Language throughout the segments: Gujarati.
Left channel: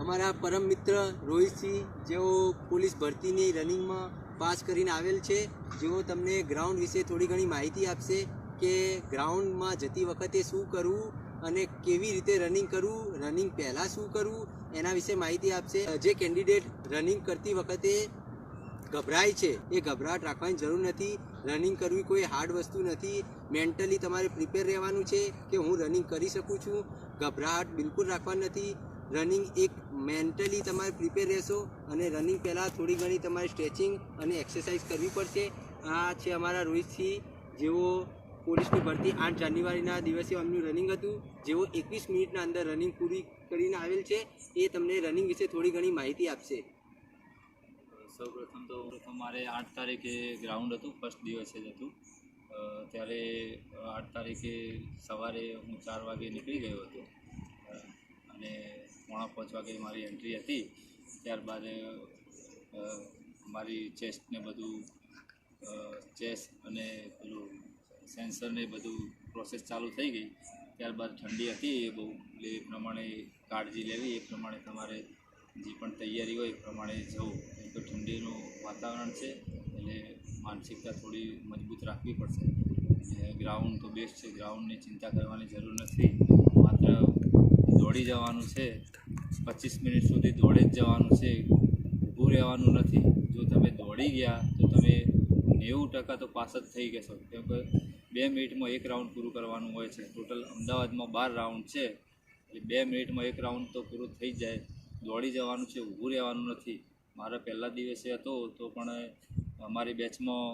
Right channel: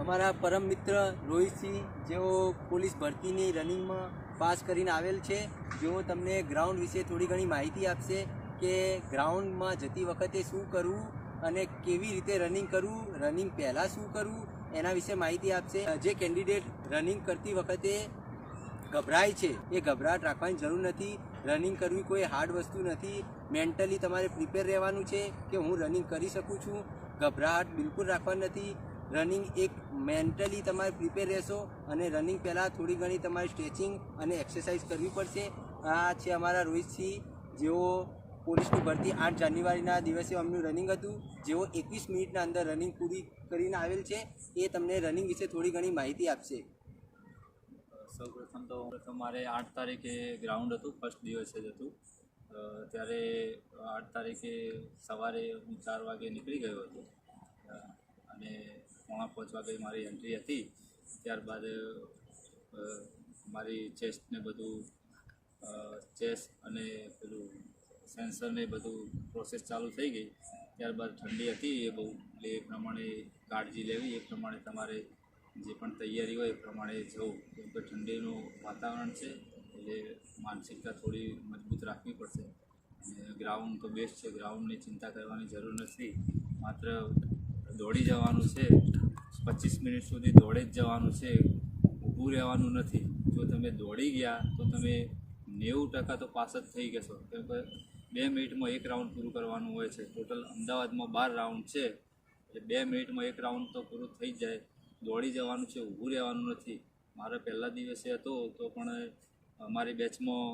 અમારા પરમ મિત્ર રોહિતસિંહ જેઓ પોલીસ ભરતીની રનિંગમાં પાસ કરીને આવેલ છે, જેઓ તમને ગ્રાઉન્ડ વિશે થોડી ઘણી માહિતી આપશે કે ગ્રાઉન્ડમાં જતી વખતે શું કરવું અને કેવી રીતે રનિંગ કરવું, રનિંગ પહેલાં શું કરવું, એના વિશે માહિતી આપશે. જે કેન્ડિડેટ રનિંગ કરતી વખતે ગભરાય છે એ ગભરાટ રાખવાની જરૂર નથી. રનિંગ કરવી કોઈ હાર્ડ વસ્તુ નથી. મેન્ટલી તમારે પ્રિપેર રહેવાનું છે કે હું રનિંગ કરી શકું છું. ગભરાટ બિલકુલ રાખવાની નથી. રનિંગ એક મેન્ટલી તમારે પ્રિપેર રહેશો અને રનિંગ પહેલાં થોડી ઘણી તમારે સ્ટ્રેચિંગ અને એક્સરસાઇઝ કરવી પડશે. આ છે અમારા રોહિતસિંહ, જેઓ પોલીસની ભરતી 8 જાન્યુઆરીના દિવસે અમનું રનિંગ હતું, જેઓ 21 મિનિટના અંદર રનિંગ પૂરી કરીને આવેલ છે. એ તમને રનિંગ વિશે થોડી ઘણી માહિતી આપશે. સૌપ્રથમ મારે 8 તારીખે ગ્રાઉન્ડ હતું, ફર્સ્ટ દિવસે જ હતું. ત્યારે 8 તારીખે સવારે હું 4 વાગે નીકળી ગયો હતો અને 4:45 વાગે મારી એન્ટ્રી હતી. ત્યારબાદ મારી ચેસ્ટને બધું ચેસ્ટ અને પેલું સેન્સરને બધું પ્રોસેસ ચાલુ થઈ ગઈ. ત્યારબાદ ઠંડી હતી એ બહુ, એટલે એ પ્રમાણે કાળજી લેવી, એ પ્રમાણે તમારે જે પણ તૈયારી હોય એ પ્રમાણે જવું. કેમ કે ઠંડીનું વાતાવરણ છે એટલે માનસિકતા થોડી મજબૂત રાખવી પડશે. અને ગ્રાઉન્ડ તો બેસ્ટ છે, ગ્રાઉન્ડની ચિંતા કરવાની જરૂર નથી. માત્ર દોડી જવાનું છે, 25 મિનિટ સુધી દોડે જ જવાનું છે, ઊભું રહેવાનું નથી. જો તમે દોડી ગયા તો તમે 90% તો પાસ જ થઈ જશો. કેમ કે 2 મિનિટમાં એક રાઉન્ડ પૂરું કરવાનું હોય છે. ટોટલ અમદાવાદમાં 12 રાઉન્ડ છે, એટલે 2 મિનિટમાં એક રાઉન્ડ તો પૂરું થઈ જ જાય. દોડી જવાનું છે, ઊભું રહેવાનું નથી. મારા પહેલા દિવસે હતો તો પણ અમારી બેચમાં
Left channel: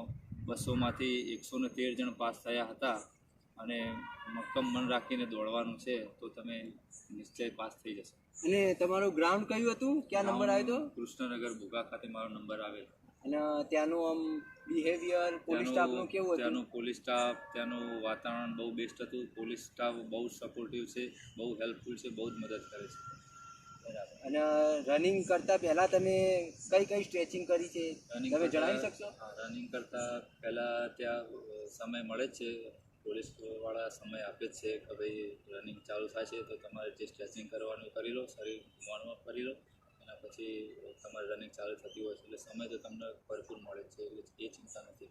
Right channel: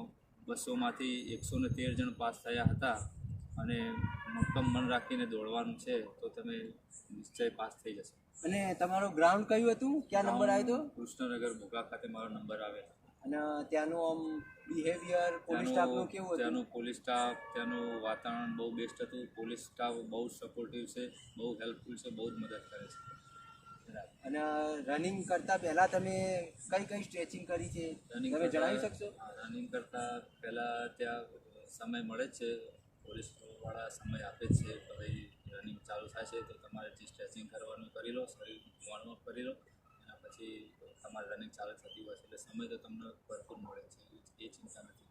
200માંથી 113 જણ પાસ થયા હતા. અને મક્કમ મન રાખીને દોડવાનું છે તો તમે નિશ્ચય પાસ થઈ જશો. અને તમારું ગ્રાઉન્ડ કયું હતું? ક્યાં નંબર આવ્યો હતો? કૃષ્ણનગર ભોગા ખાતે મારો નંબર આવેલો. અને ત્યાંનું આમ બિહેવિયર પોલીસ સ્ટાફનું કેવું હતું? ત્યાંનું પોલીસ સ્ટાફ, ત્યાંનું વાતાવરણ બહુ બેસ્ટ હતું. પોલીસ સ્ટાફ બહુ સપોર્ટિવ છે, બહુ હેલ્પફુલ છે, બહુ જ મદદ કરે છે. અને રનિંગ કરતાં પહેલાં તમે કઈ કઈ સ્ટ્રેચિંગ કરી છે તમે જણાવી શકશો? રનિંગ કરતાં પહેલાં ત્યાં સમય મળે જ છે, પોલીસવાળા સમય આપે જ છે કે ભાઈ રનિંગ ચાલુ થશે તો તમારે જે સ્ટ્રેચિંગ કરવાનું કરી લો, શરીર વોર્મઅપ કરી લો. એના પછી તમારે રનિંગ ચાલુ થતી હોય છે, એટલે સમય તો તમને ભરપૂર મળે છે, એટલે એ ચિંતા નથી.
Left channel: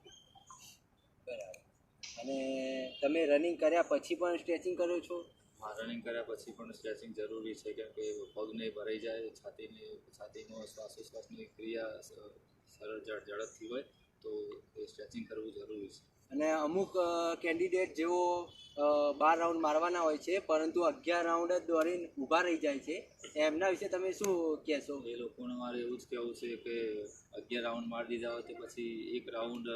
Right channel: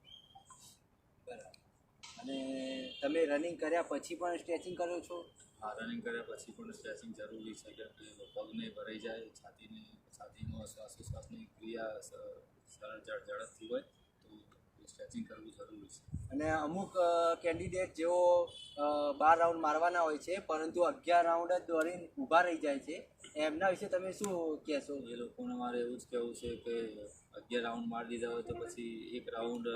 બરાબર. અને તમે રનિંગ કર્યા પછી પણ સ્ટ્રેચિંગ કરો છો? હા, રનિંગ કર્યા પછી પણ સ્ટ્રેચિંગ જરૂરી છે, કેમ કે પગ નહીં ભરાઈ જાય, છાતીનો શ્વાસોશ્વાસની ક્રિયા સરળ ઝડપથી હોય તો એ સ્ટ્રેચિંગ કરવું જરૂરી છે. અને અમુક કેન્ડિડેટ જેઓ 12 રાઉન્ડ મારવાના હોય છે પરંતુ 11 રાઉન્ડ જ દોડીને ઊભા રહી જાય છે, એમના વિશે તમે શું કહેશો? એ લોકોને મારે એવું જ કહેવું છે કે 11 રાઉન્ડ મારી દીધા હોય તો પછી એક રાઉન્ડ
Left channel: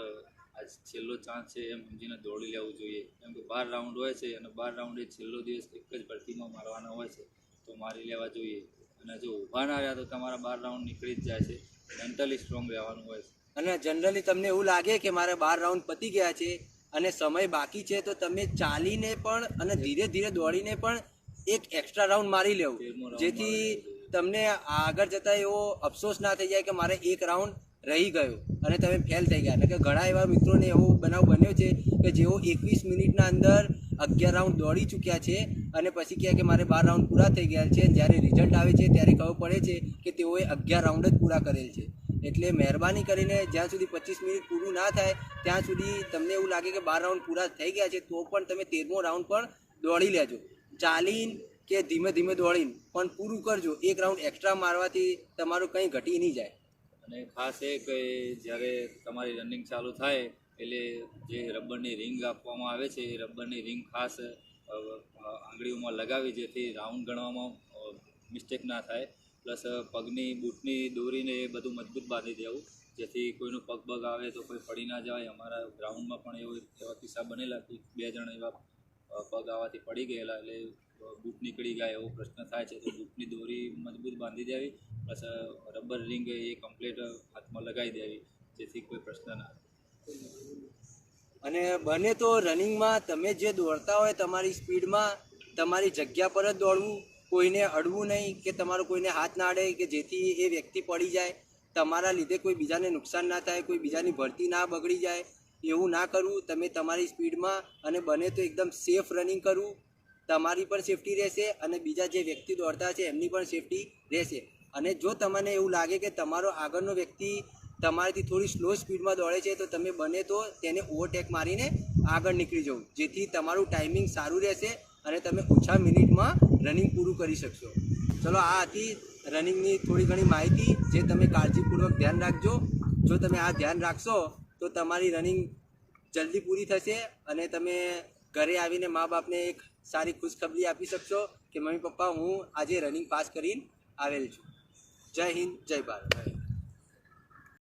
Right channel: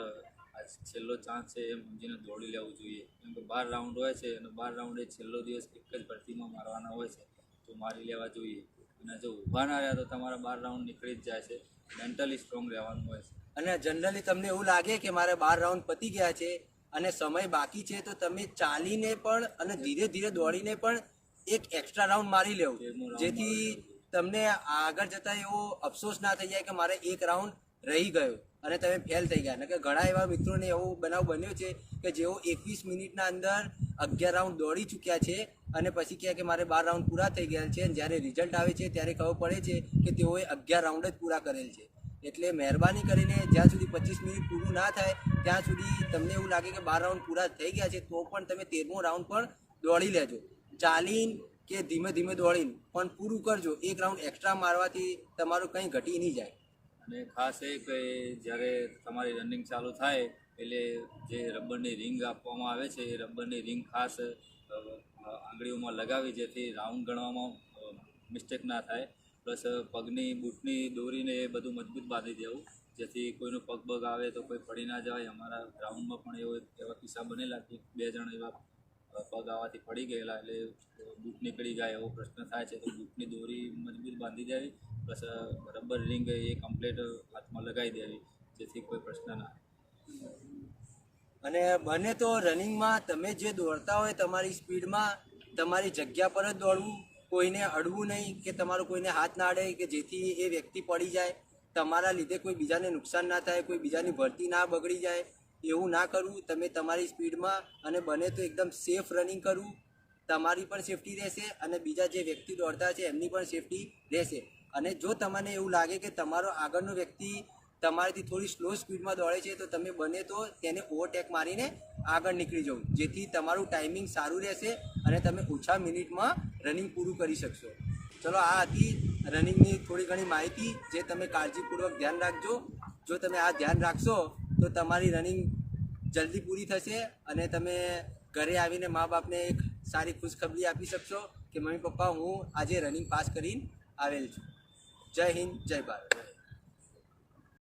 આ છેલ્લો ચાન્સ છે એમ સમજીને દોડી લેવું જોઈએ. કેમ કે 12 રાઉન્ડ હોય છે અને 12 રાઉન્ડ એ છેલ્લો દિવસ એક જ ભરતીમાં મારવાના હોય છે, તો મારી લેવા જોઈએ. અને જો ઊભા ના રહ્યા તો તમારા 12 રાઉન્ડ નીકળી જ જાય છે. મેન્ટલી સ્ટ્રોંગ રહેવાનું હોય છે. અને જનરલી તમને એવું લાગે કે મારે 12 રાઉન્ડ પતી ગયા છે અને સમય બાકી છે, તો તમે ચાલીને પણ અને ધીરે ધીરે દોડીને પણ એક એક્સ્ટ્રા રાઉન્ડ મારી લેવું, જેથી તમને આગળ જતાં એવો અફસોસ ના થઈ જાય કે મારે એક રાઉન્ડ રહી ગયો અને તમે ફેલ થઈ ગયા. એટલે કે ઘણા એવા મિત્રોને એવો બનાવ બન્યો છે કે જેઓ 21 મિનિટના અંદર 11 રાઉન્ડ દોડી ચૂક્યા છે અને પછી કહે કે મારે 12 રાઉન્ડ પૂરા થઈ ગયા છે. જ્યારે રિઝલ્ટ આવે છે ત્યારે ખબર પડે છે કે તેઓએ 11 રાઉન્ડ જ પૂરા કરેલ છે. એટલે મહેરબાની કરીને જ્યાં સુધી 25 મિનિટ પૂરું ના થાય ત્યાં સુધી તમને એવું લાગે કે 12 રાઉન્ડ પૂરા થઈ ગયા છે તો પણ તમે 13મો રાઉન્ડ પણ દોડી લેજો. ચાલીને કે ધીમે ધીમે દોડીને પણ પૂરું કરજો. એક રાઉન્ડ એક્સ્ટ્રા મારવાથી તમારું કંઈ ઘટી નહીં જાય. અને ખાસ એ કે જ્યારે તમારી રનિંગ ચાલુ થાય એટલે જે રબરની રિંગ આપવામાં આવે છે એ રબરની રિંગ ખાસ આંગળીઓમાં લગાવી, જેથી રાઉન્ડ ગણવામાં મિસ્ટેક ના થાય. પ્લસ પગની બૂટની દોરીને એ બધું મજબૂત બાંધી દેવું, જેથી કોઈનું પગ બગ આવે તો કોઈ પડી ના જાય. અમારા ગ્રાઉન્ડમાં પણ એવા કિસ્સા બનેલા કે 2 જણ એવા પગ આવવાથી પડી ગયેલા, એટલે બૂટ નીકળી ગયા એવો પ્રશ્ન થાય છે. તો બૂટની દોરી મજબૂત બાંધી દેવી, પ્લસ રબર રિંગ એ કમ્પ્લીટ હાથમાં લગાવી દેવી, જેથી કોઈ પ્રશ્ન ના આવે. અને બને તો રનિંગમાં તમે જે દોડતા હોય તમારી સ્પીડમાં તમારી જગ્યા પર જ દોડવું, કોઈને અડવું નહીં કે તમારો કોઈને હાથ ના અડે કે જેથી એ વ્યક્તિ પડી જાય, તમારા લીધે કોઈ બીજાને નુકસાન ના થાય, કોઈ બીજાની ભરતી ના બગડી જાય, એવું ના કરવું. તમે તમારી સ્પીડમાં અને બને તો એકદમ સેફ રનિંગ કરવું. તમારી પણ સેફટી રહેશે અને બીજા જે વ્યક્તિ દોડતા છે એમની પણ સેફટી રહેશે. અને જો તમને એવું લાગે કે તમારો આગળનો વ્યક્તિ તમારાથી થોડી સ્લો સ્પીડમાં દોડે છે તો તમે બને તો તેને ઓવરટેક મારીને આગળ નીકળી જવું, જેથી તમારું ટાઈમિંગ સારું રહેશે અને તમે ઓછા મિનિટમાં રનિંગ પૂરું કરી શકશો. ચલો, આ હતી રનિંગની થોડી ઘણી માહિતી, જે તમે કાળજીપૂર્વક ધ્યાન રાખજો. જો તમે આ ધ્યાન રાખશો તો તમારી રનિંગ જલ્દી પૂરી થશે અને તમે ઘરે આવીને મા બાપને એક સારી ખુશખબરી આપી શકશો કે મમ્મી પપ્પા, હું આજે રનિંગ પાસ કરીને આવેલ છું. જય હિન્દ, જય ભારત.